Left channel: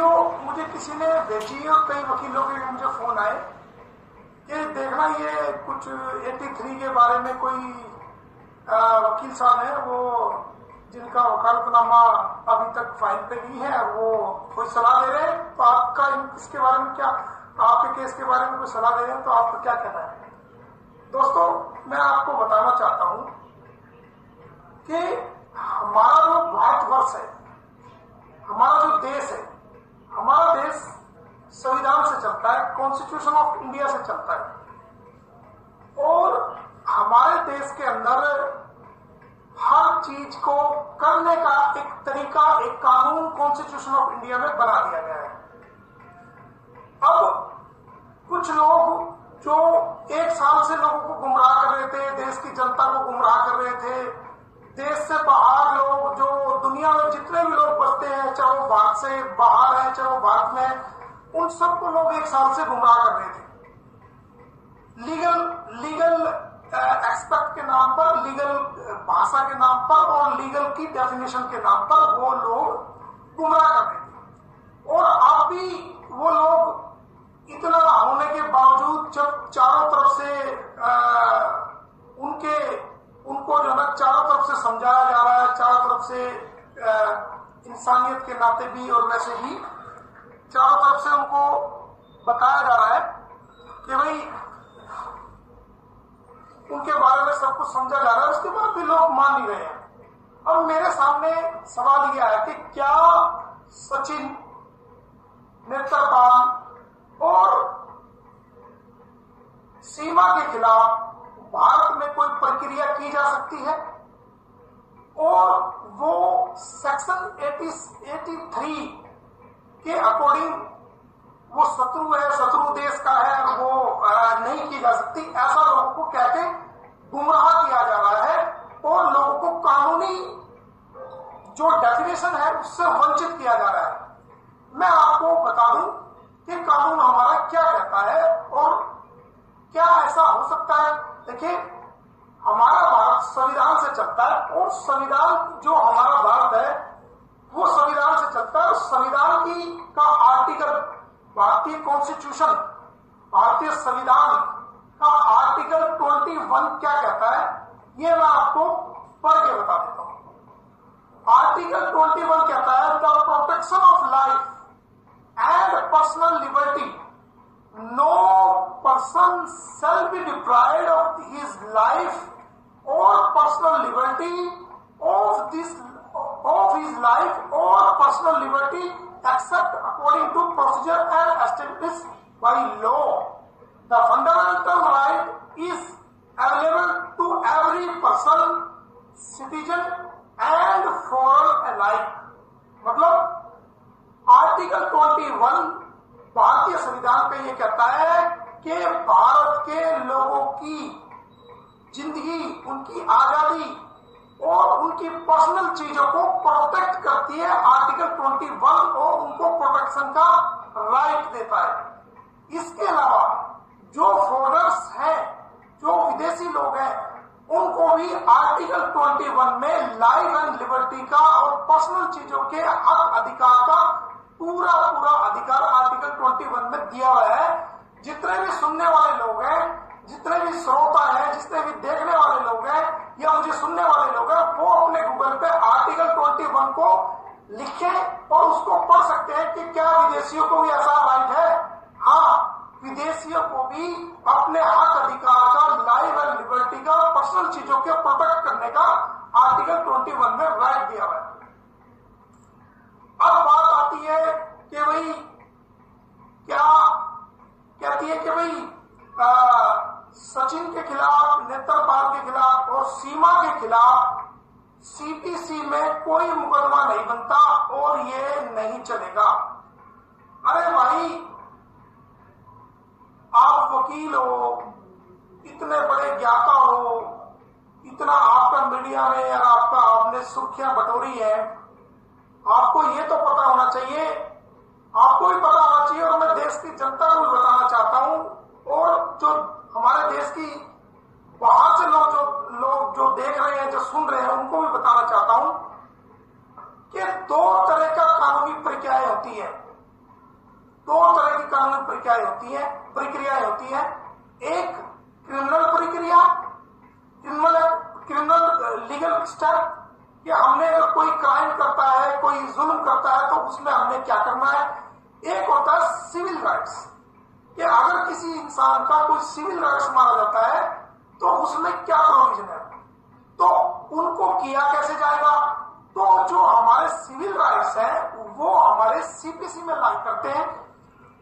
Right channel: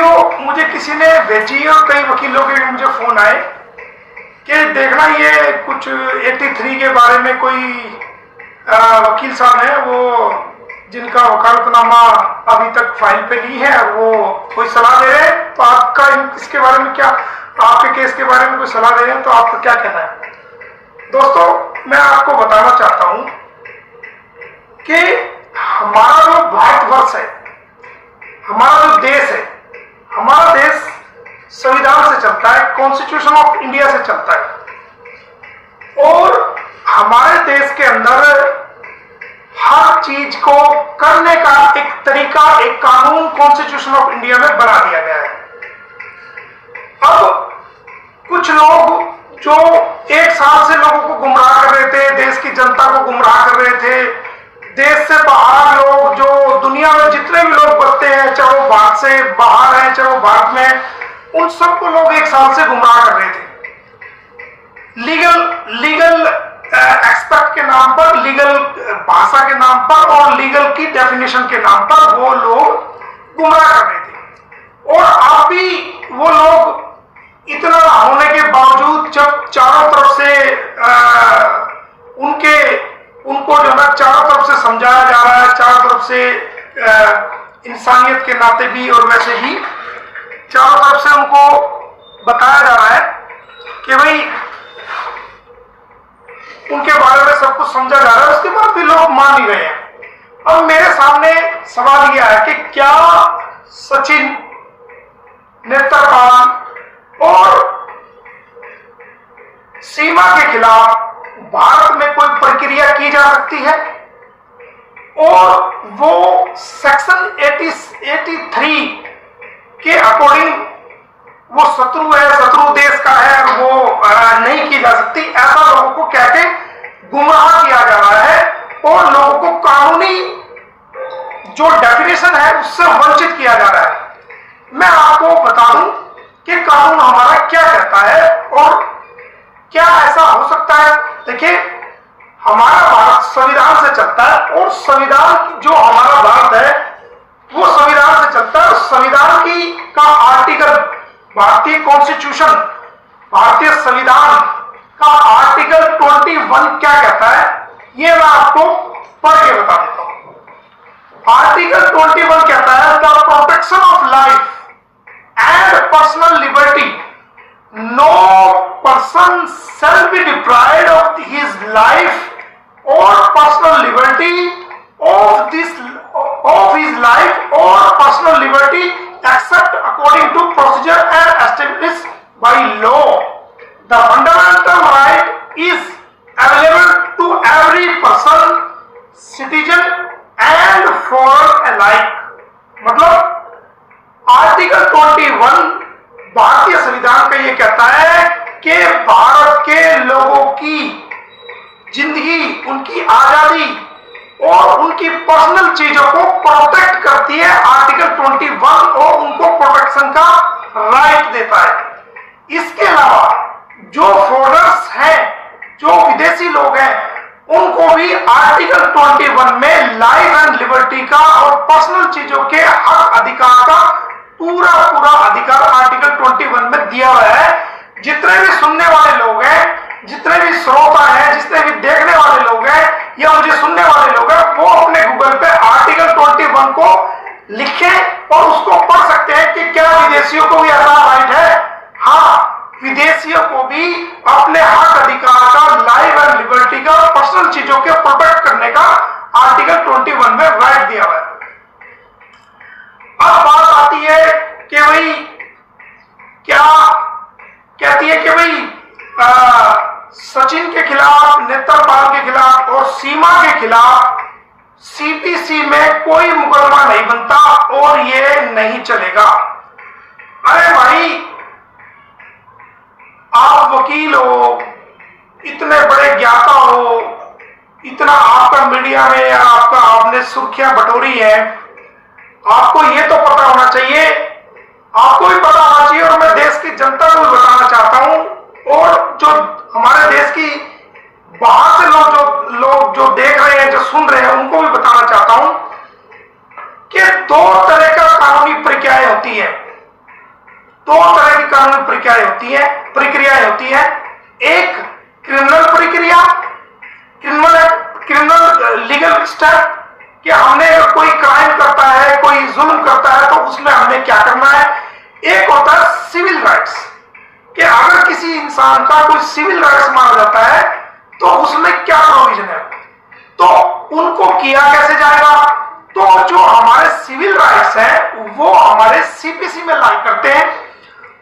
Video मुझे किसी ने भेजी और कई वकीलों के भी मुझे फोन आए कि देखना ये कुछ 83 के बारे में कोई वकील साहब हैं वो जिनका वकालतनामा अभी तक फाइल पे नहीं है, वो कोई सलाह दे रहे हैं। तो आपका इसके बारे में क्या, आपके केस के बारे में कोई सलाह दे रहे हैं तो आपका क्या कहना है? दोस्तों, मैं आपको बताना चाहता हूं कि हमारा जो भारतवर्ष है, हमारा जो देश है, हमारा देश संविधान से चलता है, कॉन्स्टिट्यूशन ऑफ इंडिया से चलता है। और हमारे देश के अंदर हर चीज को करने का एक तरीका, एक कानून कॉन्स्टिट्यूशन ऑफ इंडिया में बना दिया गया है। अब कुछ लोग जो एक साल से लोगों को गुमराह कर रहे थे, देश की जनता को गुमराह कर रहे थे, देश से बाहर लोग, जो दुनिया में जितने भी लोग बसते हैं, चाहे वो भारत से बाहर हैं चाहे वो भारत में, उन सबको लोग एक साल से गुमराह कर रहे थे। लीगल एक्सपर्ट के नाम पर, लीगल भाषा के नाम पर और लीगल की डेफिनेशन के नाम पर वो लोग गुमराह कर रहे थे। और अब भी वो लोग इतना होने के बावजूद, जब चारों तरफ से उनको जो है चारों तरफ से समझाया जा रहा है, चारों तरफ से इंसानियत के नाते भी और वैसे भी चारों तरफ से उनको बताया जा रहा है कि भाई उनके बारे में सब कुछ समझा जा रहा है, उसके बाद भी लोग मान नहीं रहे हैं। अब मेरे सामने सवाल यह है कि क्या सचिन, नेत्रपाल और सीमा के खिलाफ भारत में कोई प्रक्रिया की जा सकती है? और वो सेक्शन 83 के अकॉर्डिंग वो शत्रु है, शत्रु देश का है, वो नहीं की जा सकती, ऐसा लोगों को कह के गुमराह किया जा रहा है और लोगों को कानूनी जो डेफिनेशन है उससे वंचित किया जा रहा है। मैं आपको बता दूं कि कानून हमारा क्या कहता है और क्या ऐसा हो सकता है। देखिए, हमारा भारत संविधान से चलता है और संविधान जो हमारा भारत है वो संविधान से चलता है। संविधान की का आर्टिकल, भारतीय कॉन्स्टिट्यूशन, भारतीय संविधान का आर्टिकल 21 क्या कहता है, ये मैं आपको पढ़ के बता देता हूं। आर्टिकल 21 कहता है, the protection of life and personal liberty, no person shall be deprived of his life or personal liberty of his life or personal liberty except according to procedure and established by law. The fundamental right is available to every person, citizen and foreign alike. मतलब article 21 भारतीय संविधान का ये कहता है कि भारत के लोगों की जिंदगी, उनकी आजादी और उनकी पर्सनल चीजों को प्रोटेक्ट करती है आर्टिकल 21 और उनको प्रोटेक्शन का राइट देता है। इसके अलावा जो फॉरेनर्स हैं, जो विदेशी लोग हैं, उनको भी आर्टिकल 21 में लाइफ एंड लिबर्टी का और पर्सनल चीजों के हक अधिकार का पूरा अधिकार आर्टिकल 21 में दिया हुआ है। जितने भी सुनने वाले लोग हैं, जितने भी श्रोता हैं, जितने भी देखने वाले लोग हैं या मुझे सुनने वाले लोग हैं, वो अपने गूगल पे आर्टिकल 21 को लिखें और उसको पढ़ सकते हैं कि क्या विदेशियों को भी ऐसा राइट है। हाँ, विदेशियों को भी अपने हक अधिकार का, लाइफ एंड लिबर्टी का, पर्सनल चीजों के प्रोटेक्ट करने का आर्टिकल 21 में राइट दिया हुआ है। अब बात आती है कि भाई क्या कहती है कि भाई सचिन के खिलाफ, नेत्रपाल के खिलाफ और सीमा के खिलाफ सीपीसी में कोई मुकदमा नहीं बनता और ये नहीं चलेगा। अरे भाई, आप वकील हो, इतने बड़े ज्ञाता हो, इतना आपका मीडिया में आपने सुर्खियां बटोरी है, आपको ये तो पता होना चाहिए, आपको भी पता होना चाहिए और मैं देश की जनता को भी बताना चाहता हूं और जो हमारे देश की बाहर से लोग जो देख रहे हैं, जो सुन रहे हैं, उनको भी बताना चाहता हूं कि दो तरह का कानूनी प्रक्रियाएं होती है। दो तरह की कानूनी प्रक्रियाएं होती है। एक क्रिमिनल प्रक्रिया, क्रिमिनल लीगल स्टेप कि हमने अगर कोई क्राइम करता है, कोई जुल्म करता है, तो उसमें हमें क्या करना है। एक होता है सिविल राइट्स कि अगर किसी इंसान का कोई सिविल राइट्स माना जाता है तो उसमें क्या प्रोविजन है, तो उनको किया कैसे जाएगा। तो जो हमारे सिविल राइट्स हैं वो हमारे सीपीसी में लाई करते हैं,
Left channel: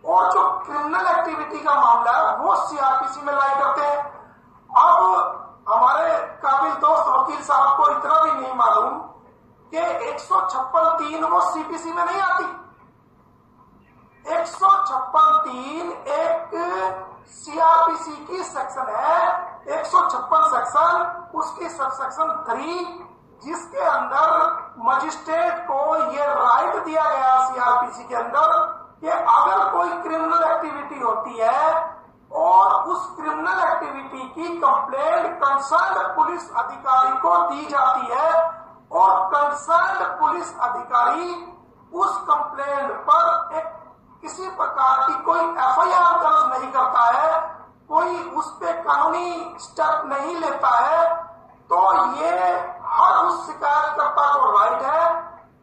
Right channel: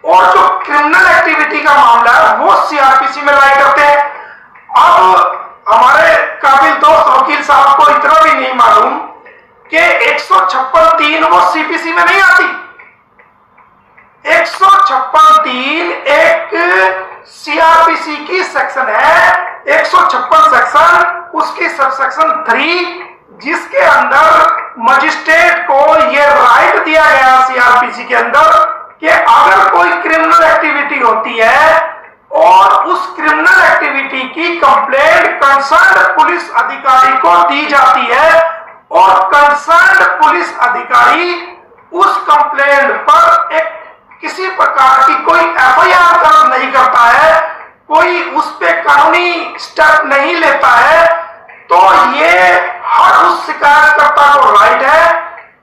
और जो क्रिमिनल एक्टिविटी का मामला है वो सीआरपीसी में लाई करते हैं। अब हमारे काबिल दोस्त वकील साहब को इतना भी नहीं मालूम कि 156(3) वो सीपीसी में नहीं आती। 156(3) एक सीआरपीसी की सेक्शन है, 156 सेक्शन, उसकी सब सेक्शन 3, जिसके अंदर मजिस्ट्रेट को यह राइट दिया गया सीआरपीसी के अंदर कि अगर कोई क्रिमिनल एक्टिविटी होती है और उस क्रिमिनल एक्टिविटी की कंप्लेंट कंसर्न पुलिस अधिकारी को दी जाती है और कंसर्न पुलिस अधिकारी उस कंप्लेंट पर एक किसी प्रकार की कोई एफआईआर दर्ज नहीं करता है, कोई उस पे कानूनी स्टेप नहीं लेता है, तो ये हर उस शिकायतकर्ता को राइट है,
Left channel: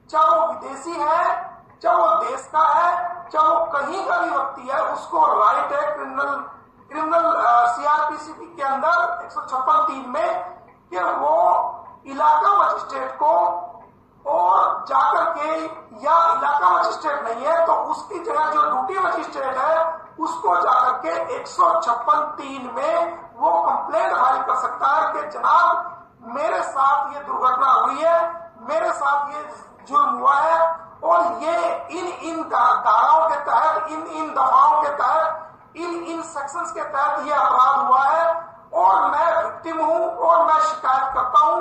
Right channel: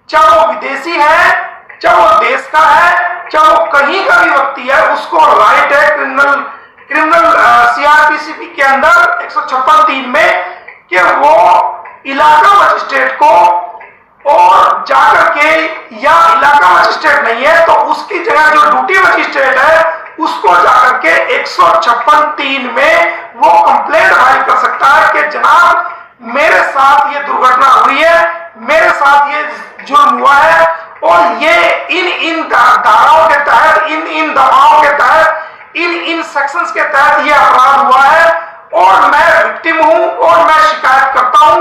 चाहे वो विदेशी है, चाहे वो देश का है, चाहे वो कहीं का भी व्यक्ति है, उसको राइट है क्रिमिनल सीआरपीसी के अंदर 156(3) में कि वो इलाका मजिस्ट्रेट को और जाकर के, या इलाका मजिस्ट्रेट नहीं है तो उसकी जगह जो ड्यूटी मजिस्ट्रेट है उसको जाकर के 156(3) में वो कंप्लेंट फाइल कर सकता है कि जनाब मेरे साथ ये दुर्घटना हुई है, मेरे साथ ये जुर्म हुआ है, और ये इन धाराओं के तहत, इन दफाओं के तहत, इन सेक्शंस के तहत ये अपराध हुआ है, और मैं विक्टिम हूं और मैं शिकायत करता हूं।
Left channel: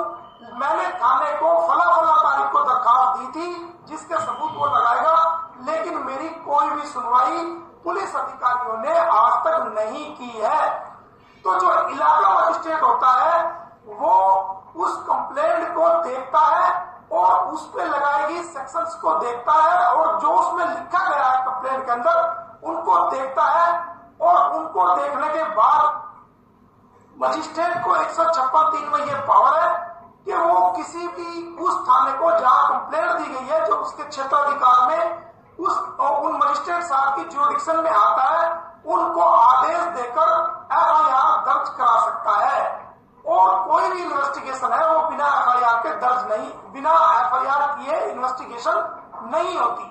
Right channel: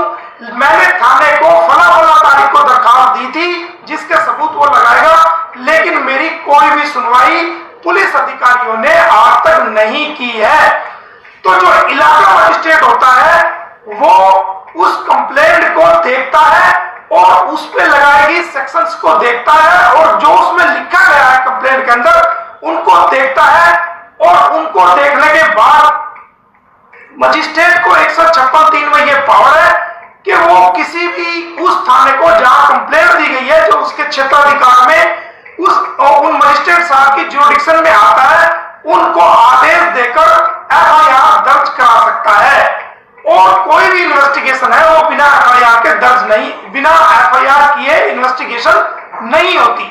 मैंने थाने को फला तारीख को दरखास्त दी थी जिसके सबूत वो लगाएगा, लेकिन मेरी कोई भी सुनवाई पुलिस अधिकारियों ने आज तक नहीं की है। तो जो इलाका मजिस्ट्रेट होता है वो उस कंप्लेंट को देखता है और उस पे लगाई गई सेक्शंस को देखता है, और जो उसमें लिखा गया है कंप्लेंट के अंदर उनको देखता है, और उनको देखने के बाद मजिस्ट्रेट को 156(3) में यह पावर है कि वो किसी भी उस थाने को जहां कंप्लेंट दी गई है, जो उसके क्षेत्राधिकार में उन मजिस्ट्रेट साहब की ज्यूरिडिक्शन में आता है, उनको आदेश देकर एफआईआर दर्ज करा सकता है। और कोई भी इन्वेस्टिगेशन है वो बिना एफआईआर के दर्ज नहीं, बिना एफआईआर किए इन्वेस्टिगेशन नहीं होती।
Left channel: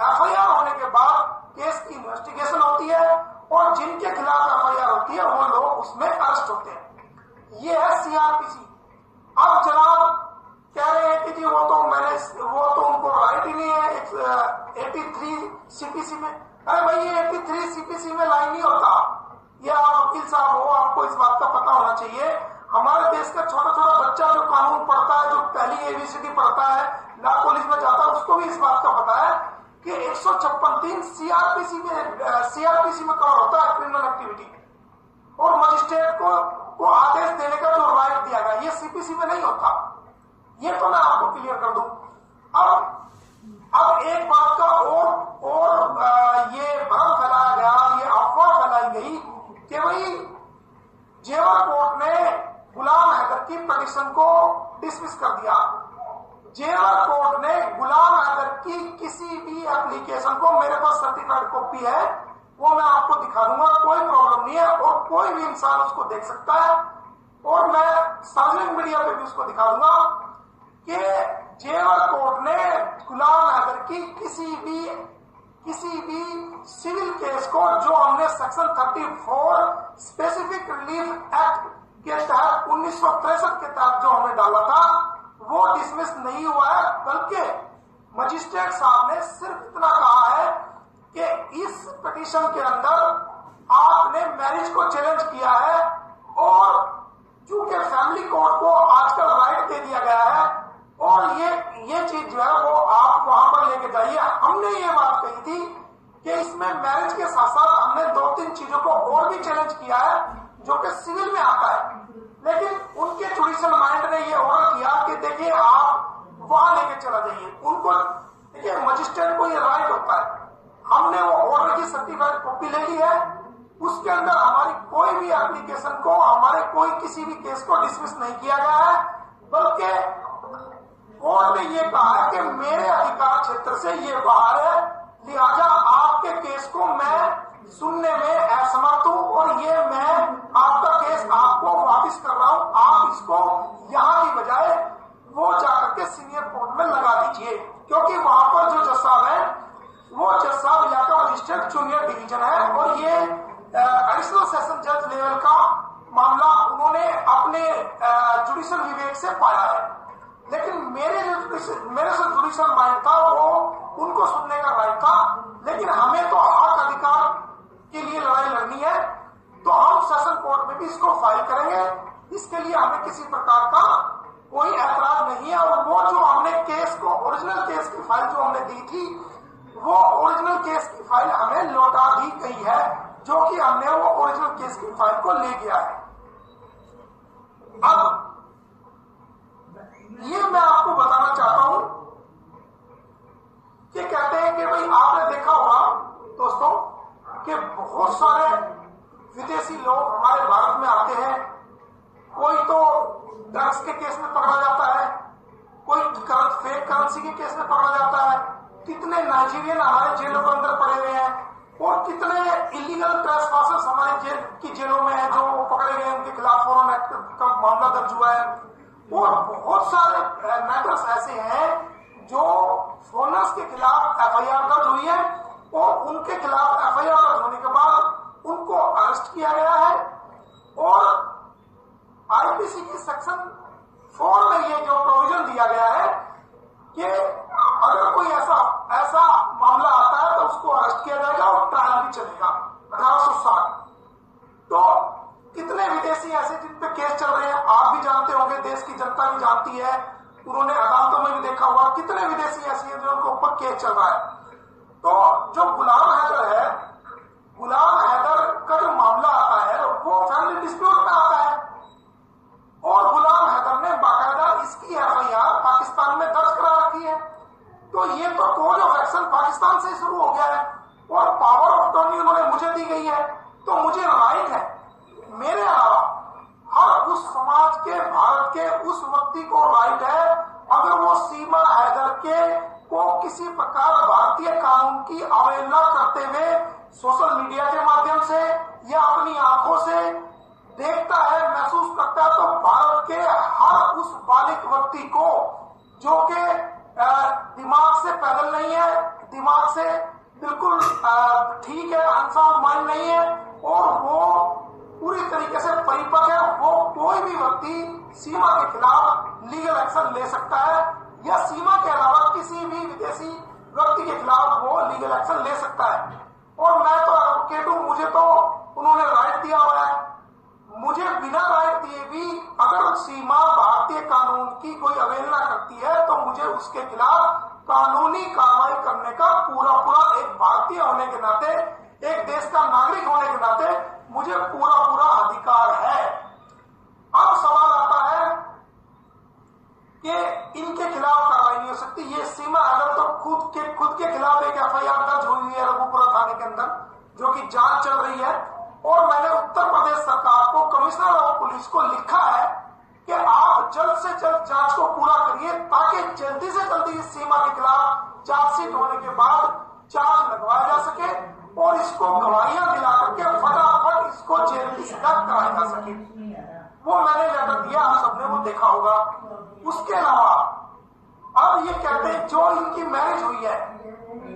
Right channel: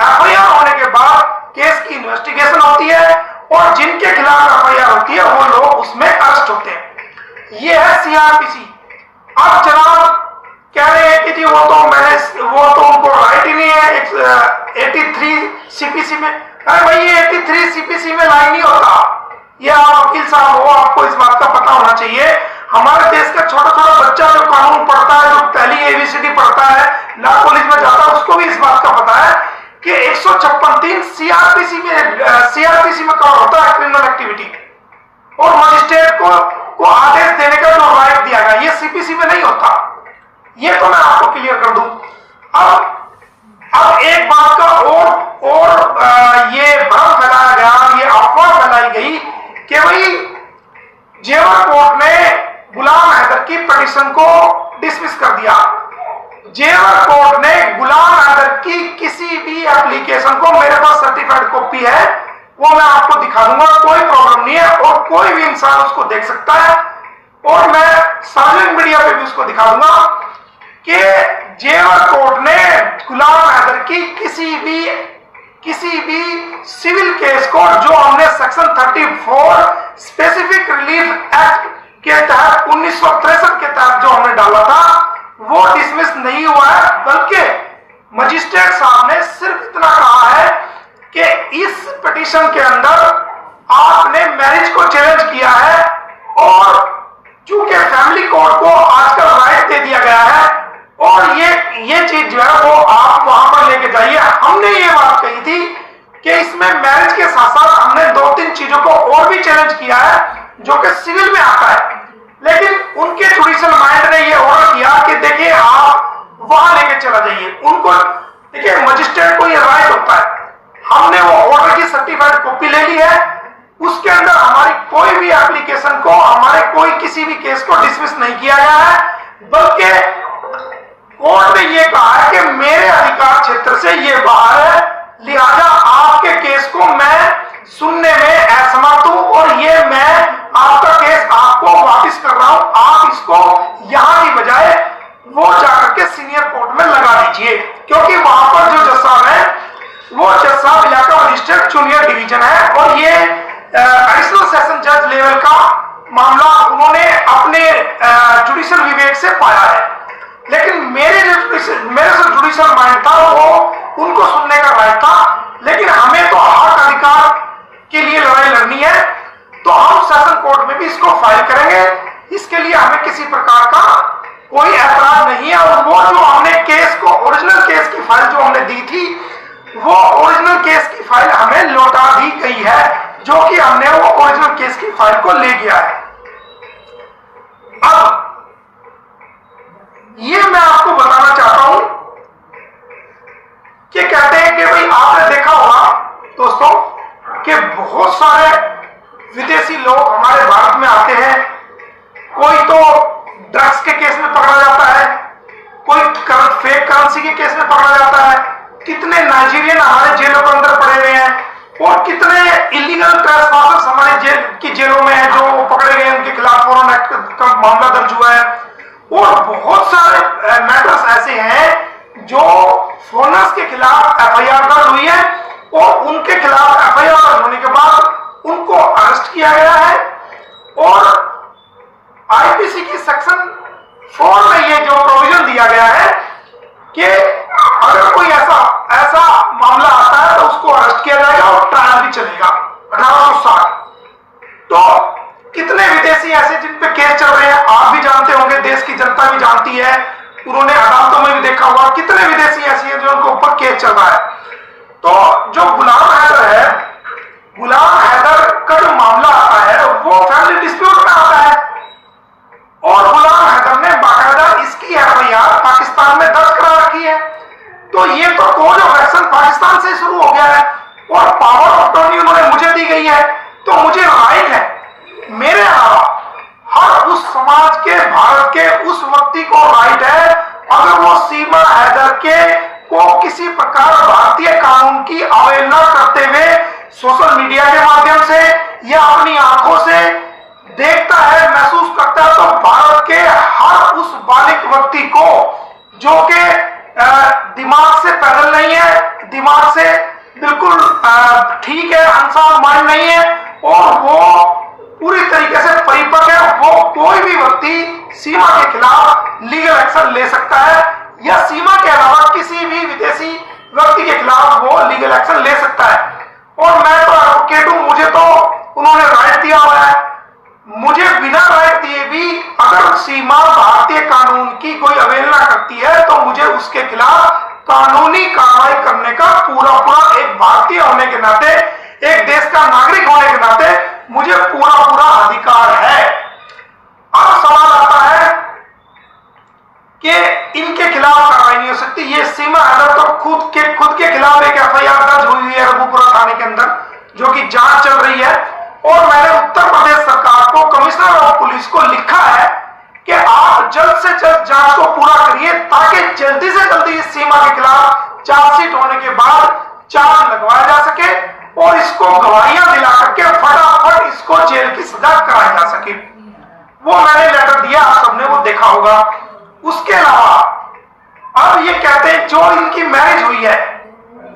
एफआईआर होने के बाद केस की इन्वेस्टिगेशन होती है, और जिनके खिलाफ एफआईआर होती है वो लोग उसमें अरेस्ट होते हैं। ये है सीआरपीसी। अब जनाब कह रहे हैं कि जी वो तो उनको राइट ही नहीं है 83 सीपीसी में। अरे भाई ये 83 सीपीसी में लाइन नहीं होता, ये आप वकील साहब हो, आपको इस बात का पता होना चाहिए। हमारे देश का छोटा छोटा बच्चा जो कानून पढ़ता है, जो पहली एबीसीडी पढ़ता है, लॉ कॉलेज में जाता है, उसको भी इस बात का पता है कि 156(3) सीआरपीसी में कवर होता है क्रिमिनल एक्टिविटी, और मजिस्ट्रेट को आदेश देने का जो राइट दिया गया ये सीपीसी में नहीं होता। ये तो मैं आपको क्लियर कर दूं। अब एक बात का और ये भ्रम फैलाया गया, ये अफवाह फैलाई गई कि भाई जेवर कोर्ट ने गुलाम हैदर की पिटीशन को डिसमिस कर दिया। जेवर कोर्ट ने गुलाम हैदर की किसी भी एप्लीकेशन को, मेरे पास सर्टिफाइड कॉपी है, वो मैं आपको दिखा दूंगा, कोई प्रॉब्लम नहीं है, और कोई भी इंसान उसको देख सकता है, और मैं सार्वजनिक मीडिया पे भी उसको दिखा दूंगा कि जेवर कोर्ट ने गुलाम हैदर की किसी भी सिविल केस को, जो हमने सेक्शन 34 स्पेसिफिक रिलीफ एक्ट के तहत 1963 के तहत जो हमने डाला था, वो डिसमिस नहीं हुआ है, बल्कि मजिस्ट्रेट साहब ने सिर्फ इतना कहा है कि इस पिटीशन के अंदर आपने मैरिज को चैलेंज किया है, और चूंकि फैमिली कोर्ट को आजकल राइट दे दिया गया है, और ये चीज जो है वो आप वहां पर लेके जाइए। हमने ये बात कही थी कि इसमें मैरिज के साथ साथ हमने 2-3 चीजों को और भी चैलेंज किया है जो कि सिविल में आता है, लेकिन उनके जुडिशियल माइंड ने ये ऑर्डर किया कि देखिए आप वहां लेके चला जाइए। उनको देखिए मजिस्ट्रेट को ये राइट होता है, हमने वो ऑर्डर की कॉपी ले ली है, उसके अंदर हमारी कोई भी एप्लीकेशन को, हमारे कोई किसी भी केस को डिसमिस नहीं किया गया है, बल्कि कोर्ट ने यह कहा है कि मेरे अधिकार क्षेत्र से ये बाहर है, लिहाजा आपके केस को मैं सुनने में असमर्थ हूं और ये मैं आपका केस आपको वापस कर रहा हूं, आप इसको यहां की बजाय वो जाकर के सीनियर कोर्ट में लगा दीजिए, क्योंकि वहां पर जो जज साहब है वो जज साहब इलाका मजिस्ट्रेट जूनियर डिवीजन है और ये एडिशनल सेशन जज लेवल का मामला उन्होंने अपने जुडिशियल विवेक से पाया है। लेकिन मेरे जो जुडिशियल माइंड था वो उनको सुनने का राइट था, लेकिन हमें तो हक अधिकार के लिए लड़ाई लड़नी है, तो हम सेशन कोर्ट में भी इसको फाइल करेंगे। इसके लिए हमें किसी प्रकार का कोई ऐतराज नहीं है और वो जो हमने केस को, ओरिजिनल केस की फाइल जो हमने दी थी, वो ओरिजिनल केस की फाइल हमें लौटा दी गई है, जो कि हमने वो ओरिजिनल केस की फाइल को ले गया है। अब ये मैं आपको बताना चाहता हूं कि कहते हैं कि भाई आपने देखा होगा दोस्तों कि बहुत सारे विदेशी लोग हमारे भारत में आते हैं, कोई तो ड्रग्स के केस में पकड़ा जाता है, कोई फेक करेंसी के केस में पकड़ा जाता है, कितने नाइजीरियन हमारे जेलों के अंदर पड़े हुए हैं और कितने इलीगल ट्रेसपासर्स हमारे जेलों में हैं जो पकड़े गए, उनके खिलाफ फॉरेन एक्ट का मामला दर्ज हुआ है और बहुत सारे मैटर्स ऐसे हैं जो फॉरेनर्स के खिलाफ एफआईआर दर्ज हुई है और उनके खिलाफ एफआईआर दर्ज होने के बाद उनको अरेस्ट किया गया है और आईपीसी की सेक्शन 4 में ये जो प्रोविजन दिया गया है कि अगर कोई ऐसा मामला आता है तो उसको अरेस्ट किया जाएगा और ट्रायल भी चलेगा 1860। तो कितने विदेशी ऐसे जिन पे केस चल रहे हैं, आप भी जानते होंगे, देश की जनता भी जानती है, उन्होंने अदालतों में भी देखा होगा कितने विदेशी ऐसे हैं जो उनके ऊपर केस चल रहा है। तो जो गुलाम हैदर है, गुलाम हैदर का जो मामला आता है वो फैमिली डिस्प्यूट में आता है और गुलाम हैदर ने बाकायदा इसकी एफआईआर पाकिस्तान में दर्ज करा रखी है। तो ये तो कोड ऑफ एक्शन पाकिस्तान से शुरू हो गया है और पावर ऑफ अटॉर्नी उन्होंने मुझे दी गई है, तो मुझे राइट है, मेरे अलावा हर उस समाज के, भारत के उस व्यक्ति को राइट है, अगर वो सीमा हैदर के को किसी प्रकार भारतीय कानून की अवहेलना करते हुए सोशल मीडिया के माध्यम से या अपनी आंखों से देखता है, महसूस करता है, तो भारत के हर उस बालिग व्यक्ति को जो कि दिमाग से पैदल नहीं है, दिमाग से बिल्कुल ठीक है, अनसाउंड माइंड नहीं है और वो पूरी तरीके से परिपक्व है, वो कोई भी व्यक्ति सीमा के खिलाफ लीगल एक्शन ले सकता है या सीमा के अलावा किसी भी विदेशी व्यक्ति के खिलाफ वो लीगल एक्शन ले सकता है। और मैं तो एडवोकेट हूं, मुझे तो उन्होंने राइट दिया हुआ है, मुझे बिना राइट दिए भी अगर सीमा भारतीय कानून की कोई अवहेलना करती है तो मुझे उसके खिलाफ कानूनी कार्रवाई करने का पूरा एक भारतीय होने के नाते, एक देश का नागरिक होने के नाते मुझे पूरा अधिकार है। अब सवाल आता है कि इनके खिलाफ कार्रवाई नहीं हो सकती। ये सीमा हैदर तो खुद के खिलाफ एक एफआईआर दर्ज हुई है रघुपुरा थाने के अंदर, जो कि जांच चल रही है और मैंने उत्तर प्रदेश सरकार को, कमिश्नर ऑफ पुलिस को लिखा है कि आप जल्द से जल्द जांच को पूरा करिए ताकि जल्दी से जल्दी इस सीमा के खिलाफ चार्जशीट होने के बाद चार्ज लगवाया जा सके और इसको गवाहियां दिला करके फटाफट इसको जेल की सजा कराई जा सके। वो मैंने लेटर दिया, आप सबने वो देखा होगा। उसके अलावा अब ये कहते हैं जो इनकी मैरिज हुई है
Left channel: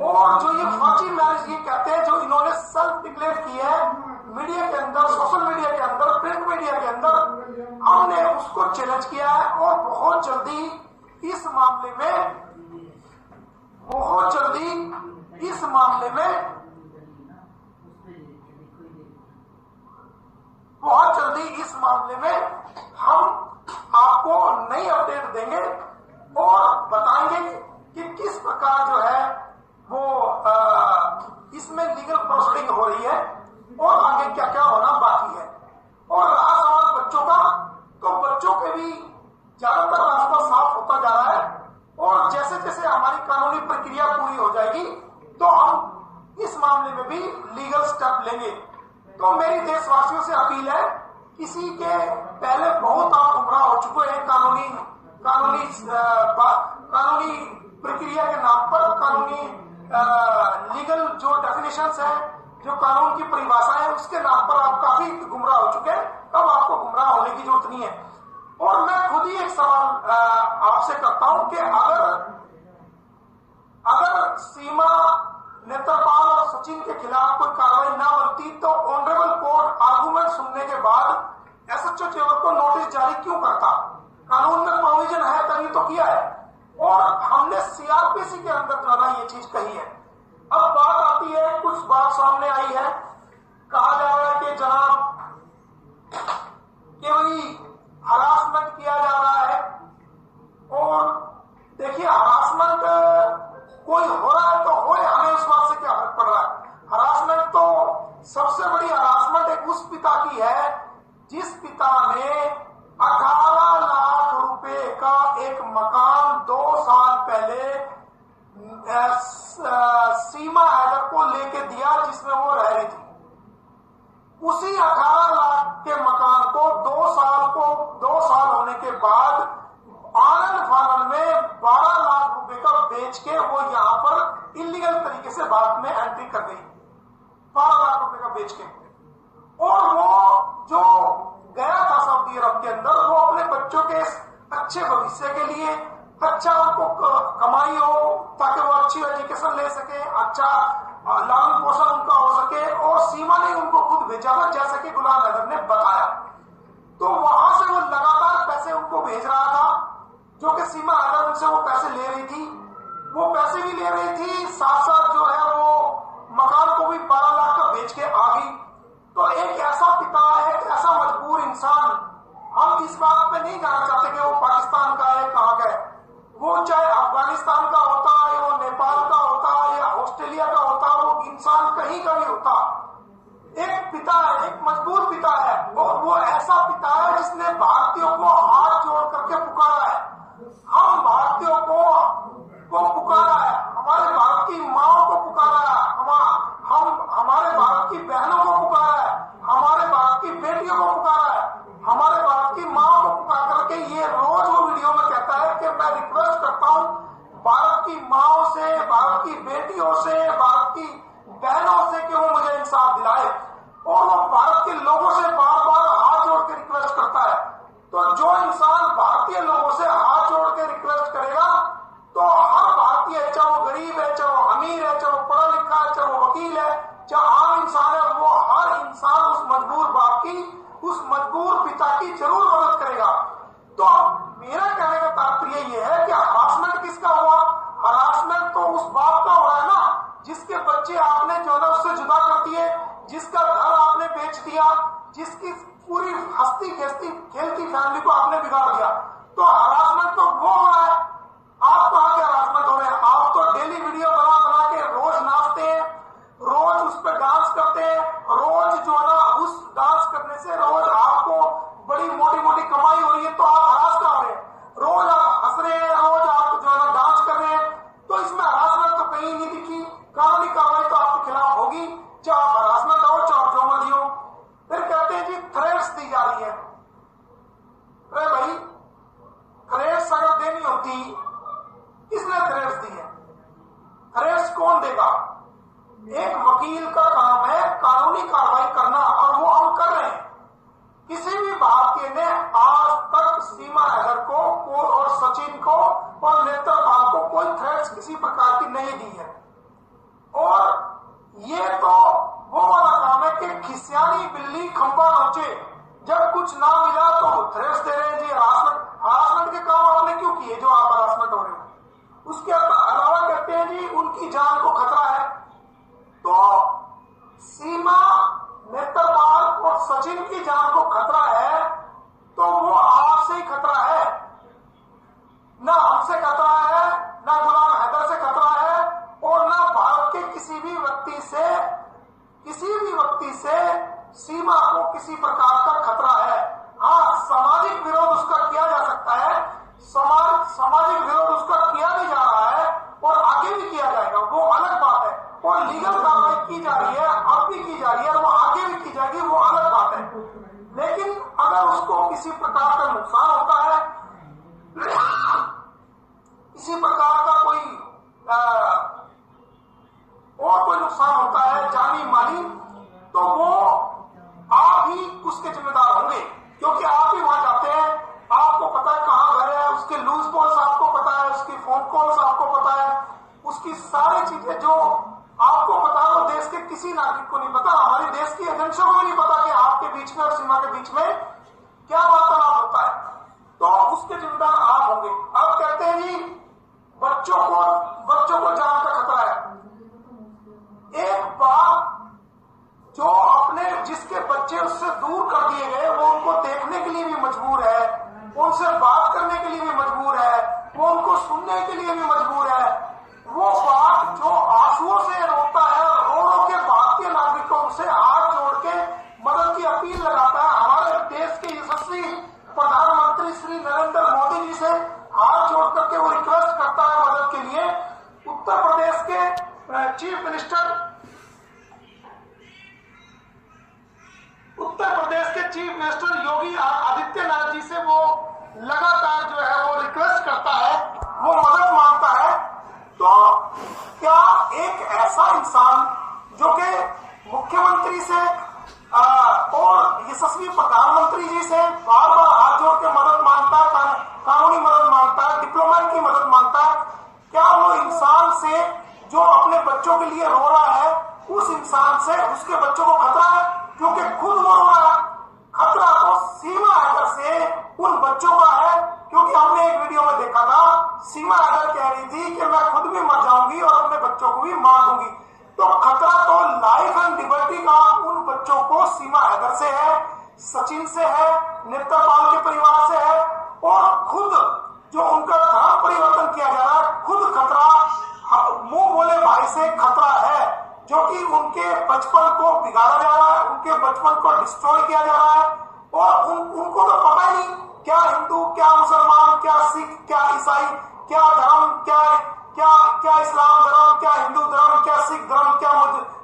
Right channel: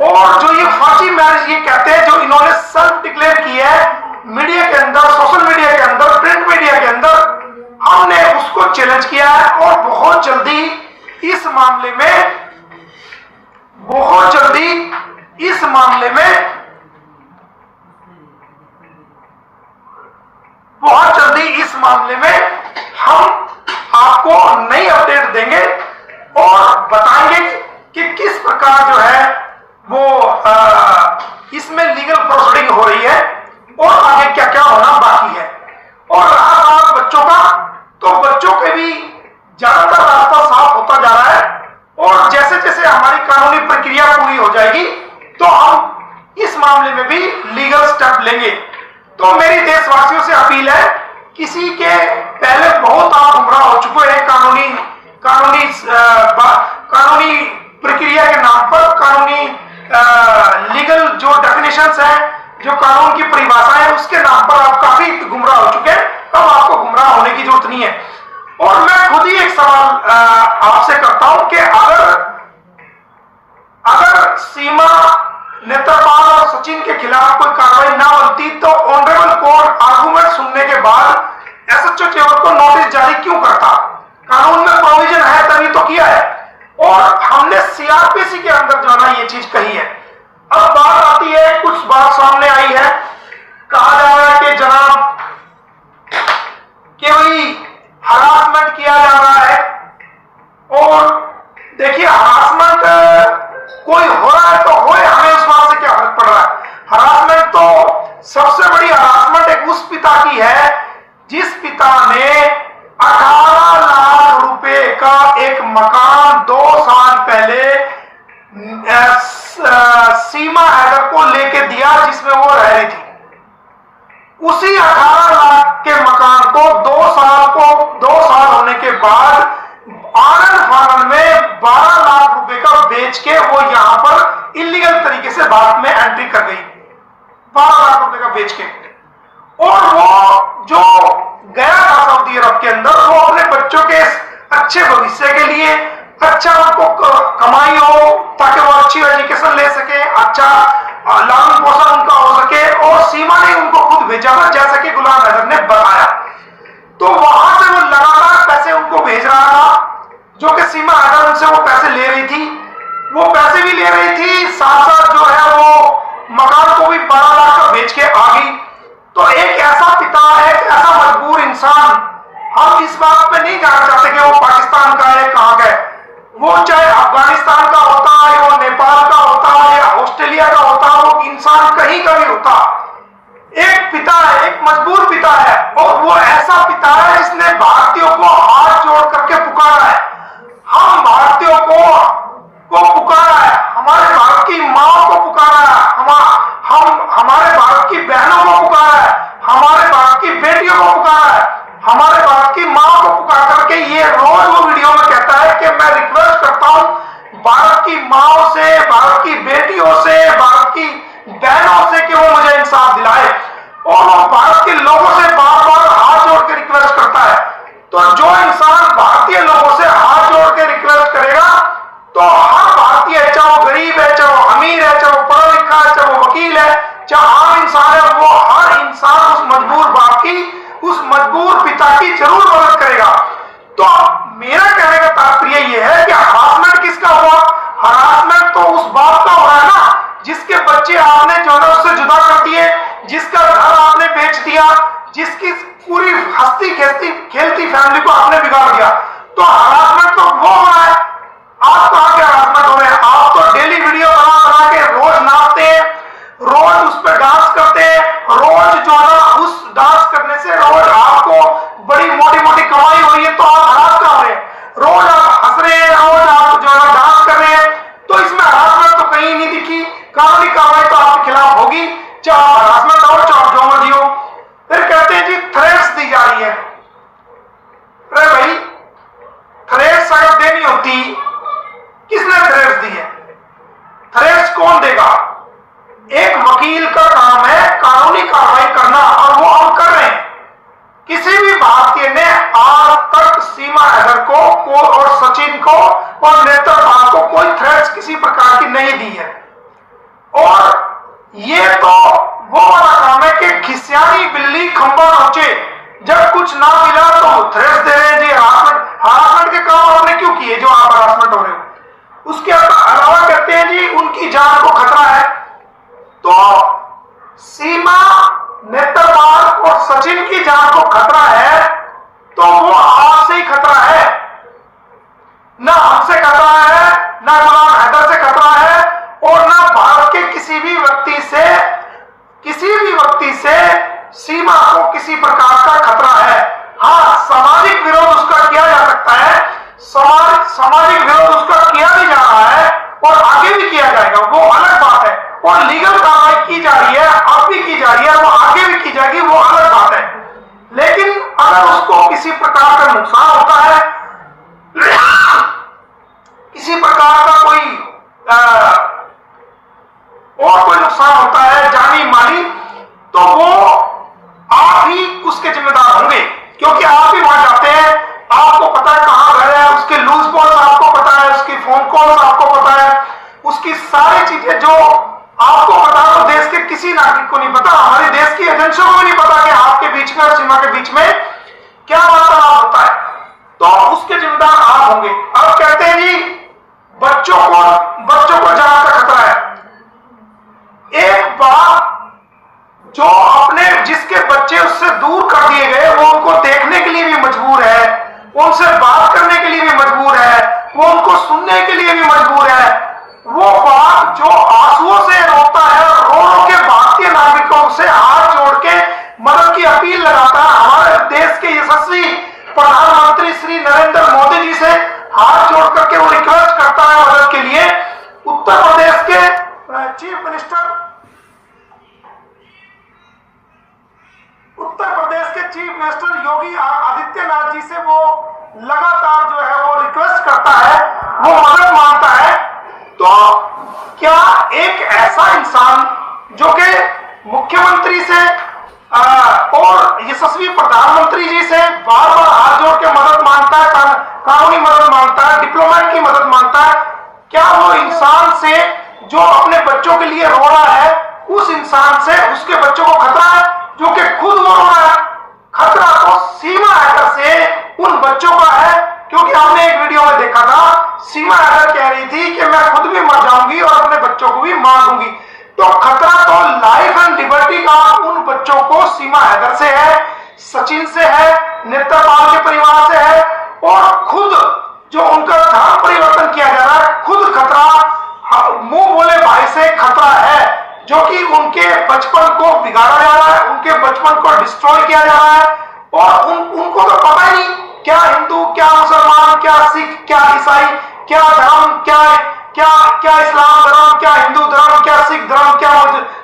और जो ये फर्जी मैरिज ये कहते हैं, जो इन्होंने सेल्फ डिक्लेयर की है मीडिया के अंदर, सोशल मीडिया के अंदर, प्रिंट मीडिया के अंदर, हमने उसको चैलेंज किया है और बहुत जल्दी इस मामले में हम आपको नई अपडेट देंगे और बताएंगे कि किस प्रकार जो है वो इसमें लीगल प्रोसीडिंग हो रही है और आगे क्या क्या होना बाकी है। और रहा सवाल बच्चों का, तो बच्चों के भी ज्यादातर रास्ता साफ होता जा रहा है और जैसे जैसे हमारी कानूनी प्रक्रिया पूरी हो जाएगी तो हम इस मामले में भी लीगल स्टेप लेंगे। तो मेरी देशवासियों से अपील है, किसी के पहले बहुत आप गुमराह हो चुके हैं कानूनी प्रक्रिया के नाम पर, कानूनी लीगल जो डेफिनेशंस है, जो कानून की परिभाषा है, उसके नाम पर आप काफी गुमराह हो चुके हैं। अब आपको गुमराह होने की जरूरत नहीं है। और मैं खुद ही एक सवाल आपसे करता हूं कि अगर सीमा, नेत्रपाल और सचिन के खिलाफ कोई कार्रवाई ना बनती तो ऑनरेबल कोर्ट आर्गुमेंट सुनने के बाद एसएचओ चेवर को नोटिस जारी क्यों करता? कानून में प्रोविजन है तभी तो किया है, और हमने सीआरपीसी के अंदर जो है ये चीज कही है। अब बात आती है, कुछ बात सामने आई है, कहा जा रहा है कि जनाब कि भाई हरासमेंट किया जा रहा है। और देखिए, हरासमेंट कोई हो रहा है तो होए, हमें उस बात से क्या फर्क पड़ रहा है। हरासमेंट तो सबसे बड़ी हरासमेंट एक उस पिता की है जिस पिता ने 18 लाख रुपए का एक मकान 2 साल पहले सीमा हैदर को लेके दिया, जिसमें वो रह रही थी। उसी 18 लाख के मकान को 2 साल होने के बाद आनंद फानन में 12 लाख रुपए का बेच के वो यहां पर इलीगल तरीके से भारत में एंट्री कर गई, 12 लाख रुपए का बेच के। और वो जो गया था सऊदी अरब के अंदर, वो अपने बच्चों के अच्छे भविष्य के लिए, अच्छा उनको कमाई हो ताकि वो अच्छी एजुकेशन ले सके, अच्छा लालन पोषण उनका हो सके, और सीमा ने उनको खुद भेजा था, जैसा कि गुलाम हैदर ने बताया। तो वहां से वो लगातार पैसे उनको भेज रहा था, जो कि सीमा हैदर उनसे वो पैसे ले रही थी। वो पैसे भी ले रही थी, साथ साथ जो है वो मकान को भी 12 लाख का बेच के आ गई। तो एक ऐसा पिता है, एक ऐसा मजबूर इंसान, हम इस बात पे नहीं जानना चाहते कि वो पाकिस्तान का है, कहां का है। वो चाहे अफगानिस्तान का होता है, वो नेपाल का होता है, या ऑस्ट्रेलिया का होता है, वो इंसान कहीं का भी होता, एक पिता है, एक मजबूर पिता है। और वो ऐसा पिता है जिसने भारतीयों को हाथ जोड़ करके पुकारा है, हम भारतीयों को पुकारा है, हमारे भारत की मां को पुकारा है, हमारे भारत की बहनों को पुकारा है, हमारे भारत की बेटियों को पुकारा है, हमारे भारत की मां को पुकार करके ये रोज वो वीडियो में कहता है कि मैं रिक्वेस्ट करता हूं भारत की माओ से, भारत की बेटियों से, भारत की बहनों से कि वो मुझे इंसाफ दिलाए। और वो भारत के लोगों से बार बार हाथ जोड़ के रिक्वेस्ट करता है। तो जो इंसान भारतीय लोगों से हाथ जोड़ के रिक्वेस्ट करेगा, तो हर भारतीय, चाहे वो गरीब है, चाहे वो अमीर है, चाहे वो पढ़ा लिखा है, चाहे वो वकील है, चाहे आम इंसान है, वो हर इंसान उस मजबूर बाप की, उस मजबूर पिता की जरूर मदद करेगा। तो मेरा कहने का तात्पर्य यह है कि हरासमेंट किसका हुआ? हरासमेंट तो उस बाप का हो रहा है ना, जिसके बच्चे आपने जो है उससे जुदा कर दिए, जिसका घर आपने बेच दिया, जिसकी पूरी हंसती खेलती फैमिली को आपने बिगाड़ दिया। तो हरासमेंट तो वो हो रहा है। आप कहां के हरासमेंट हो रहे हैं? आप तो डेली वीडियो बना के रोज नाचते हैं, रोज उस पर डांस करते हैं, रोज जो है उस डांस करने से रोज आपको बड़ी मोटी कमाई हो रही है, तो आप हरास कर रहे हैं, रोज आप हंस रहे हैं, रोज आप जो है डांस कर रहे हैं। तो इसमें हरासमेंट तो कहीं नहीं दिखी। कानूनी कार्रवाई तो आपके खिलाफ होगी, चाहे हरासमेंट हो, चाहे जो मर्जी हो। फिर कहते हैं जी थ्रेट्स दी जा रही है। अरे भाई, थ्रेट्स अगर देनी होती, किसने थ्रेट्स दी है? थ्रेट्स कौन देगा? एक वकील का काम है कानूनी कार्रवाई करना, और वो हम कर रहे हैं। किसी भी भारतीय ने आज तक सीमा हैदर को और सचिन को और नेत्रपाल को कोई थ्रेट्स किसी प्रकार की नहीं दी है। और ये तो वो वाला काम है कि खिसियानी बिल्ली खंबा नोचे, जब कुछ ना मिला तो थ्रेट्स दे रहे हैं जी। हरासमेंट के काम आपने क्यों किए जो आप हरासमेंट हो रहे हो? उसके अलावा कहते हैं जी उनकी जान को खतरा है। तो सीमा, नेत्रपाल और सचिन की जान को खतरा है, तो वो आपसे ही खतरा है, ना हमसे खतरा है, ना गुलाम हैदर से खतरा है, और ना भारत के किसी भी व्यक्ति से सीमा को किसी प्रकार का खतरा है। हाँ, सामाजिक विरोध उसका किया जा सकता है, सामाजिक विरोध उसका किया भी जा रहा है और आगे भी किया जाएगा, वो अलग बात है। और लीगल कार्रवाई की जा रही है, अब भी की जा रही है, वो आगे भी की जाएगी, वो अलग बात है। लेकिन अगर उसको किसी प्रकार का नुकसान होता है, किसी प्रकार का और कोई नुकसान होता है जानी माली, तो वो आप ही उसके जिम्मेदार होंगे, क्योंकि आप भी वहां जाते हैं, आपको पता है कहां घर है, उसके लूज बॉल्स आपको पता है, उसकी फोन कॉल्स आपको पता है, उसकी सारी चीजें जो आपको पता है, तो देश के किसी नागरिक को नहीं पता, हमारे देश की एजेंसियों को भी नहीं पता कि आपके बीच में और सीमा के बीच में क्या वार्तालाप होता है। तो उसके जिम्मेदार आप होंगे। अब कहते हैं जी बच्चों को जान का खतरा है। एक बाप जो अपने जिसके बच्चे उससे दूर कर दिए गए, वो उनको देखने के लिए भी मजबूर है, उनसे बात करने के लिए भी मजबूर है, वो उनको सुनने के लिए भी मजबूर है। वो बाप जो आंसुओं से रोता है और रो रो के भारतीय नागरिकों से हाथ जोड़ के मदद की अपील लगाता है, हमारे देश के यशस्वी प्रधानमंत्री श्री नरेंद्र मोदी जी से हाथ जोड़ करके वो रिक्वेस्ट करता है मदद के लिए। उत्तर प्रदेश के चीफ मिनिस्टर योगी आदित्यनाथ जी से वो लगातार जो है वो रिक्वेस्ट करता है, वो मदद मांगता है। तो क्या एक ऐसा इंसान जो कि मुख्यमंत्री से और यशस्वी प्रधानमंत्री जी से बार बार हाथ जोड़ के मदद मांगता है, कानूनी मदद मांगता है, डिप्लोमेट की मदद मांगता है, क्या वो इंसान से जो अपने बच्चों के लिए रो रहा है, उस इंसान से उसके बच्चों को खतरा है जो कि खुद वो रो रहा है? खतरा तो सीमा हैदर से उन बच्चों का है, क्योंकि हमने एक वीडियो में देखा था, सीमा हैदर कह रही थी कि मैं खुद भी मर जाऊंगी और अपने बच्चों को भी मार दूंगी। तो खतरा तो लाइफ एंड लिबर्टी का उन बच्चों को सीमा हैदर से है, सचिन से है, नेत्रपाल के परिवार से है, और खुद जो उनका धर्म परिवर्तन किया जा रहा है, खुद खतरा मुंह बोले भाई से खतरा है, जो कि उनके बचपन को बिगाड़ा जा रहा है, उनके बचपन को डिस्ट्रॉय किया जा रहा है। और उनको तो पता ही नहीं क्या हिंदू, क्या मुसलमान, क्या सिख, क्या ईसाई, क्या धर्म, क्या इस्लाम धर्म, क्या हिंदू धर्म, क्या सिख धर्म, क्या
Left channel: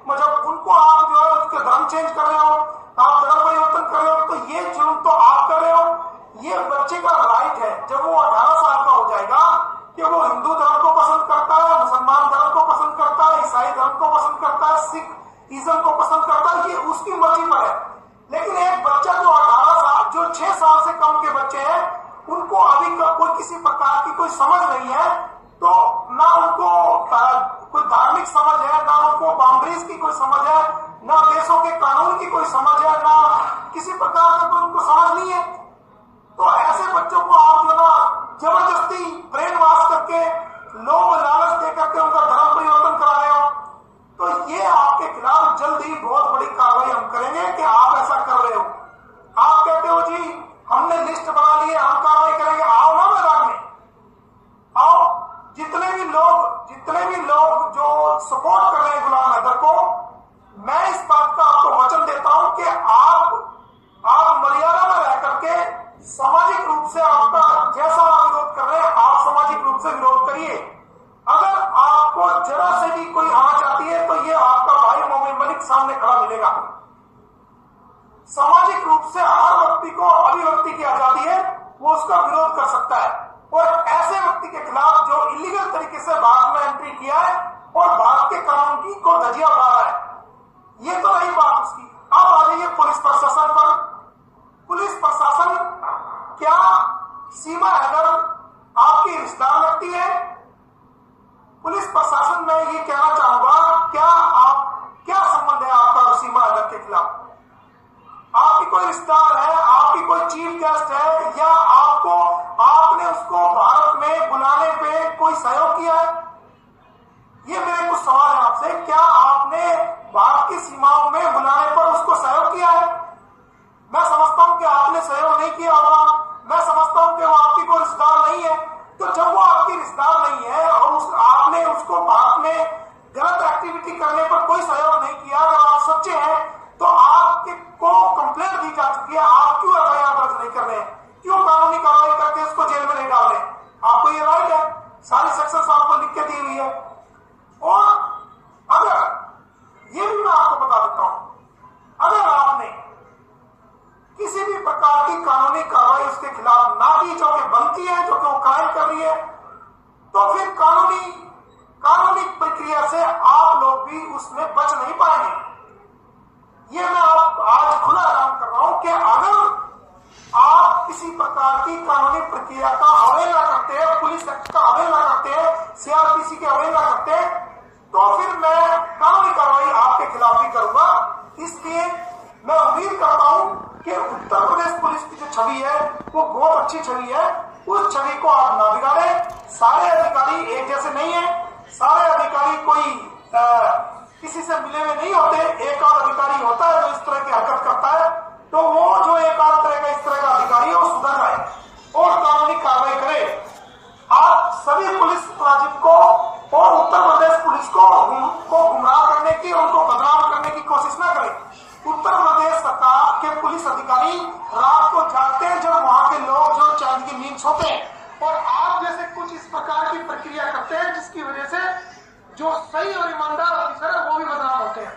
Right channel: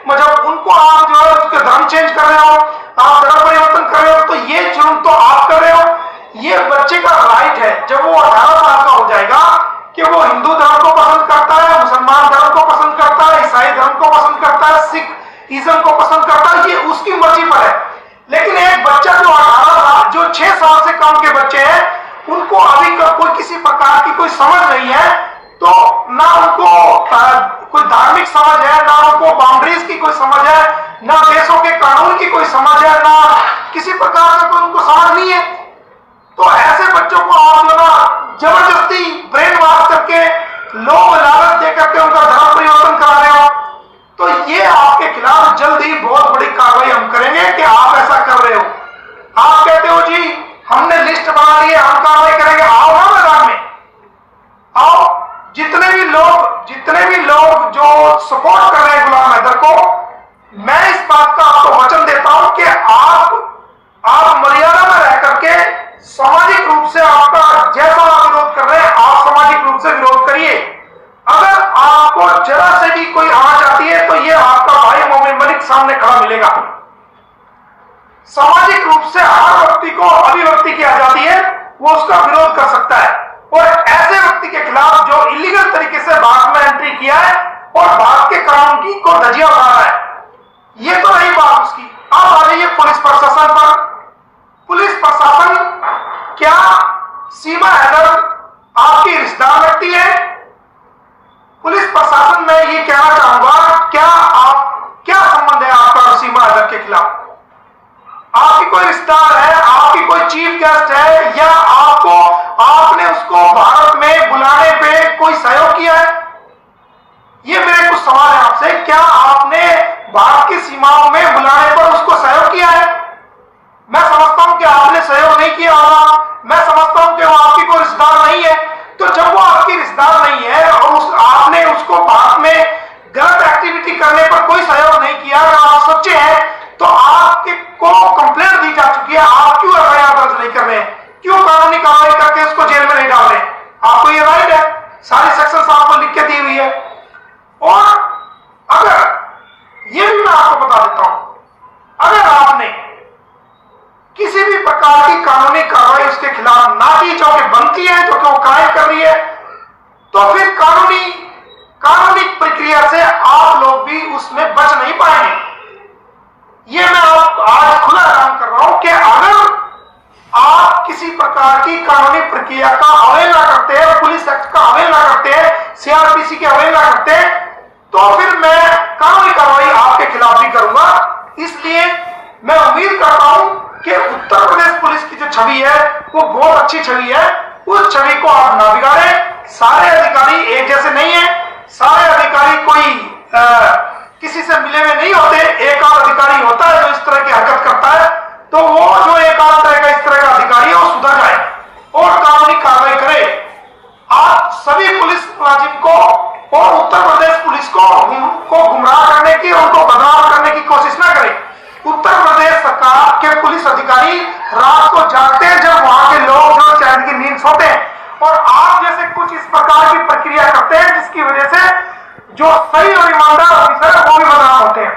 मजहब। उनको आप जो है उसके धर्म चेंज कर रहे हो, आप धर्म परिवर्तन कर रहे हो, तो ये जुर्म तो आप कर रहे हो। ये बच्चे का राइट है जब वो 18 साल का हो जाएगा कि वो हिंदू धर्म को पसंद करता है, मुसलमान धर्म को पसंद करता है, ईसाई धर्म को पसंद करता है, सिख इज्म को पसंद करता है, ये उसकी मर्जी पर है। लेकिन एक बच्चा जो 18 साल, जो 6 साल से कम के बच्चे हैं, उनको अभी कोई किसी प्रकार की कोई समझ नहीं है, तो ना उनको कोई धार्मिक समझ है, ना उनको बाउंड्रीज की कोई समझ है, ना देशों के कानून की कोई समझ है, ना किसी प्रकार का कोई उनको समझ नहीं है। तो ऐसे बच्चों को आप जो ना जबरदस्ती ब्रेन वॉश करके, लोभ लालच देकर के उनका धर्म परिवर्तन करा रहे हो, तो ये आपके खिलाफ जल्द ही बहुत बड़ी कार्रवाई हम करेंगे कि आप ऐसा कर रहे हो। आप कहते हो जी हमने लिस्ट बना ली है, हम कार्रवाई करेंगे, आओ ना मैदान में आओ। जितने भी लोग जो सपोर्ट कर रहे हैं गुलाम हैदर को, मैं इस बात का आपको वचन देता हूं कि आप मर्यादा में रह करके सामाजिक रूप से आपका जैसा आप विरोध कर रहे हैं, आप सामाजिक रूप से विरोध करिए। अगर आपको जरा से भी कोई आंच आती है तो ये आपका भाई मोमिन मलिक सामने खड़ा मिलेगा। सामाजिक रूप से हर व्यक्ति को अभिव्यक्ति की आजादी है, वो उसका विरोध कर सकता है, और ऐसे व्यक्ति के खिलाफ जो इलीगल तरीके से भारत में एंट्री किया है और भारत के कानून की को धजिया उड़ा रहा है, ये तो रही बात उसकी। अब आ जाइए पुलिस प्रशासन पर। पुलिस प्रशासन, क्या सीमा हैदर आपकी रिश्तेदार व्यक्ति है? पुलिस प्रशासन में ये कहना चाहूंगा, क्या संबंध है आपका सीमा हैदर के खिलाफ? आपकी कोई रिश्तेदार है, आपकी कोई चीफ गेस्ट है, या आपने उसको भारत में बुलाने पे कोई सहयोग किया है? ये मेरे कुछ सवाल है आपसे। क्या आपने भारत की सीमाओं में बुलाने पर उसको सहयोग किया है? मैं समझता हूं कि आपने सहयोग नहीं किया होगा, मैं समझता हूं कि वो आपकी कोई रिश्तेदार नहीं है। तो जब वो आपकी रिश्तेदार नहीं है और आपने उसको भारत में गलत एक्टिविटी करने पर कोई सहयोग नहीं किया, अगर आप सच्चे हैं तो आपके को कंप्लेंट दी जा चुकी है, आप क्यों एफआईआर दर्ज नहीं कर रहे हैं? क्यों कानूनी कार्रवाई करके उसको जेल में नहीं डाल रहे? आपको ये राइट है, सारी सेक्शन आपको लिख के दी हुई है। और अगर ये भी भी उसमें बच नहीं पाएंगे। ये मैं आज खुला ऐलान कर रहा हूं कि अगर आप किसी प्रकार की कानूनी प्रक्रिया का अवहेलना करते हैं, पुलिस एक्ट का अवहेलना करते हैं, सीआरपीसी की अवहेलना करते हैं, तो फिर मैं कानूनी कार्रवाई आपके खिलाफ भी करूंगा। इसलिए मैं उम्मीद करता हूं कि उत्तर प्रदेश पुलिस की जो छवि है वो बहुत अच्छी छवि है। उस छवि को आप ना बिगाड़ें। सारे अधिकारी एक जैसे नहीं है, सारे अधिकारी कोई किसी से मिले हुए नहीं होते। एक आध अधिकारी होता है जो इस तरह की हरकत करता है, तो वो जो एक आध तरह का इस तरह का अधिकारी है वो सुधर जाए और कानूनी कार्रवाई करे। आप सभी पुलिस मुलाजिम को और उत्तर प्रदेश पुलिस को गुमराह करने की, उनको बदनाम करने की कोशिश ना करें। उत्तर प्रदेश सरकार के पुलिस अधिकारी रात को जागते हैं जब वहां के लोग जो चैन की नींद सोते हैं, और आप जैसे कुछ इस प्रकार की प्रक्रिया करते हैं जिसकी वजह से जो सही और ईमानदार ऑफिसर है वो भी बदनाम होते हैं।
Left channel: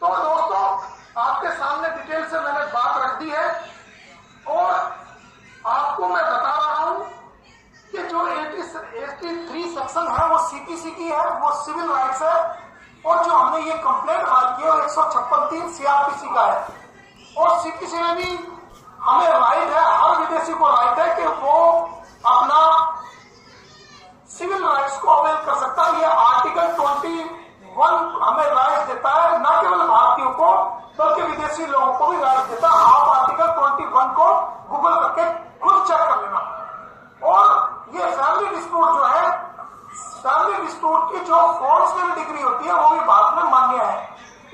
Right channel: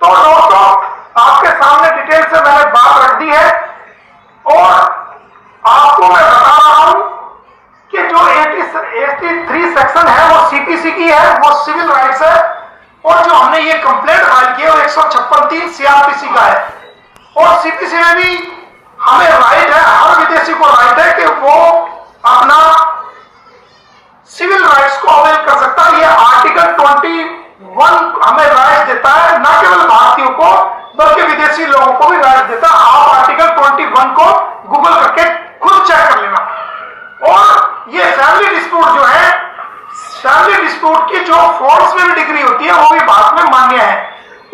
तो दोस्तों, आपके सामने डिटेल से मैंने बात रख दी है और आपको मैं बता रहा हूं कि जो 83 सेक्शन है वो सीपीसी की है, वो सिविल राइट्स है, और जो हमने ये कंप्लेंट फाइल की है वो 156(3) सीआरपीसी का है। और सीपीसी में भी हमें राइट है, हर विदेशी को राइट है कि वो अपना सिविल राइट्स को अवेल कर सकता है। ये आर्टिकल 21 हमें राइट देता है, न केवल भारतीयों को बल्कि विदेशी लोगों को भी राइट देता है। आप आर्टिकल 21 को गूगल करके खुद चेक कर लेना। और ये फैमिली डिस्प्यूट जो है, फैमिली डिस्प्यूट की जो फोर्स में भी डिग्री होती है वो भी भारत में मान्य है,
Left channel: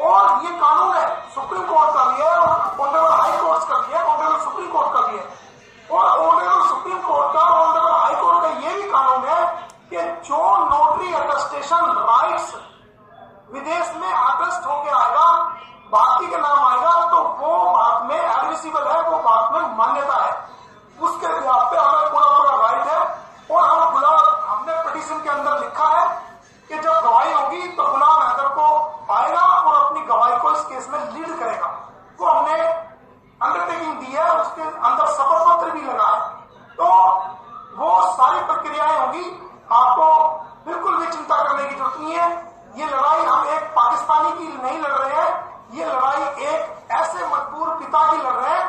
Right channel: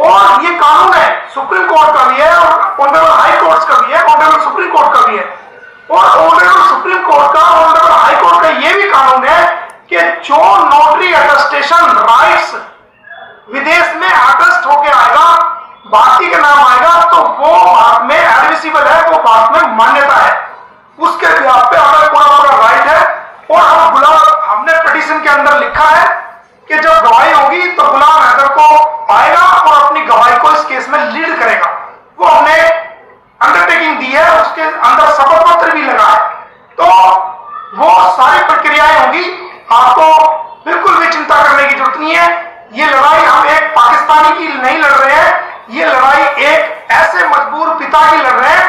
और ये कानून है, सुप्रीम कोर्ट का भी है और ऑनरेबल हाई कोर्ट का भी है, ऑनरेबल सुप्रीम कोर्ट का भी है। और ऑनरेबल सुप्रीम कोर्ट का, ऑनरेबल हाई कोर्ट का ये भी कानून है कि जो नोटरी अटेस्टेशन राइट्स विदेश में अटेस्ट होके आएगा, भारतीय के नाम आएगा, तो वो भारत में एडमिसिबल है, वो भारत में मान्यता है। उसके बिहाफ पे हमें पूरा राइट है। और हमने पिटीशन के अंदर लिखा है कि जब गवाही होगी तो गुलाम हैदर को आएगा और अपनी गवाही को इस केस में लीड करेगा। वो हमने अंडरटेकिंग दी है, उसके अंदर शपथ पत्र भी लगा है। तो वो सारी प्रक्रियाएं होंगी, आपको बिल्कुल भी चिंता करने की जरूरत नहीं है। ये लड़ाई हम एक पाकिस्तानी की नहीं लड़ रहे हैं, ये लड़ाई एक ऐसे मजबूर पिता की लड़ रहे हैं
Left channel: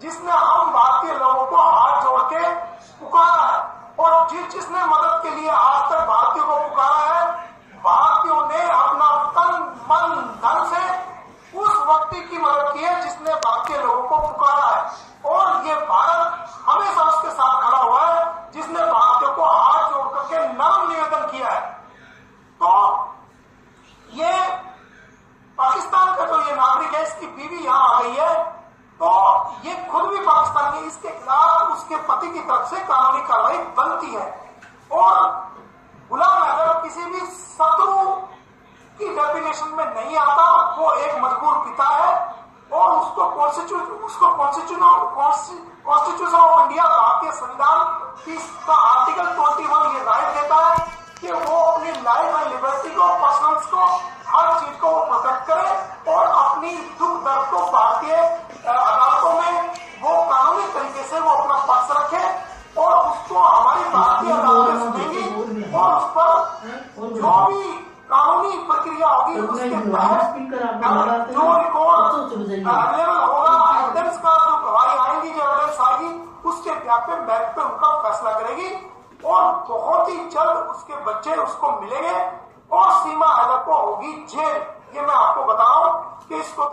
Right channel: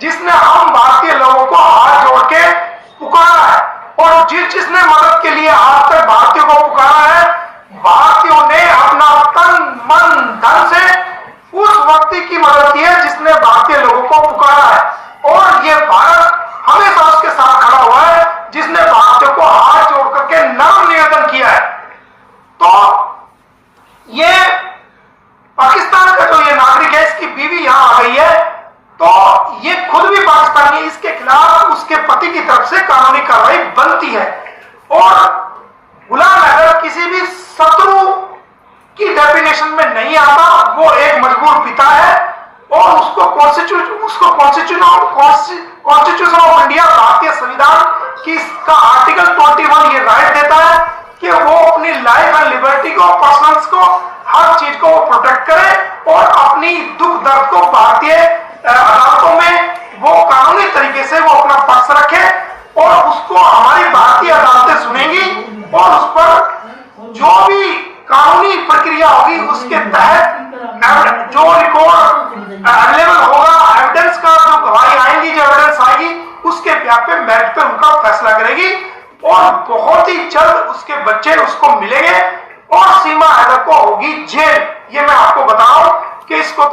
जिसने हम भारतीय लोगों को हाथ जोड़ के पुकारा है, और जिसने मदद के लिए आज तक भारतीयों को पुकारा है, भारतीयों ने अपना तन मन धन से उस व्यक्ति की मदद की है जिसने भारतीय लोगों को पुकारा है। और ये भारत हमेशा उसके साथ खड़ा हुआ है जिसने भारतीयों को हाथ जोड़ करके नम्र निवेदन किया है। तो ये पाकिस्तान का जो ये नागरिक है, इसकी बीवी यहां आ गई है, तो ये खुद भी पाकिस्तानी, इसके खिलाफ उसके पति की तरफ से कानूनी कार्रवाई बनती है। और गुलाम हैदर किसी भी शत्रु की डेफिनेशन में नहीं आता, वो एक मजबूर पिता है, और उसको कॉन्स्टिट्यूशन ऑफ इंडिया, भारतीय संविधान की इसका आर्टिकल 21 ये राइट देता है कि वो अपनी लाइफ एंड लिबर्टी को, पर्सनल्स को, हर चीज को प्रोटेक्ट करे और अपनी दुख दर्द को भारतीय अदालतों में वो कानूनी तरीके से वो अपना पक्ष रखे, और उसको हमारी भारतीय अदालतें सुनेंगी, और उस पर जो भी कानूनी प्रक्रिया होगी उसके तहत जो रिकॉर्ड अवेलेबल होगा, एविडेंस का जो गवाही आएंगी, जो एविडेंस आएगी, उसके ब्याह पे मेरिट पे उनका फैसला करेगी, और बहुत ही जल्द उसके बच्चे उसको मिलेंगे, और सीमा हैदर को होगी जेल। ये मैं आपको बता रहा हूं कि इसको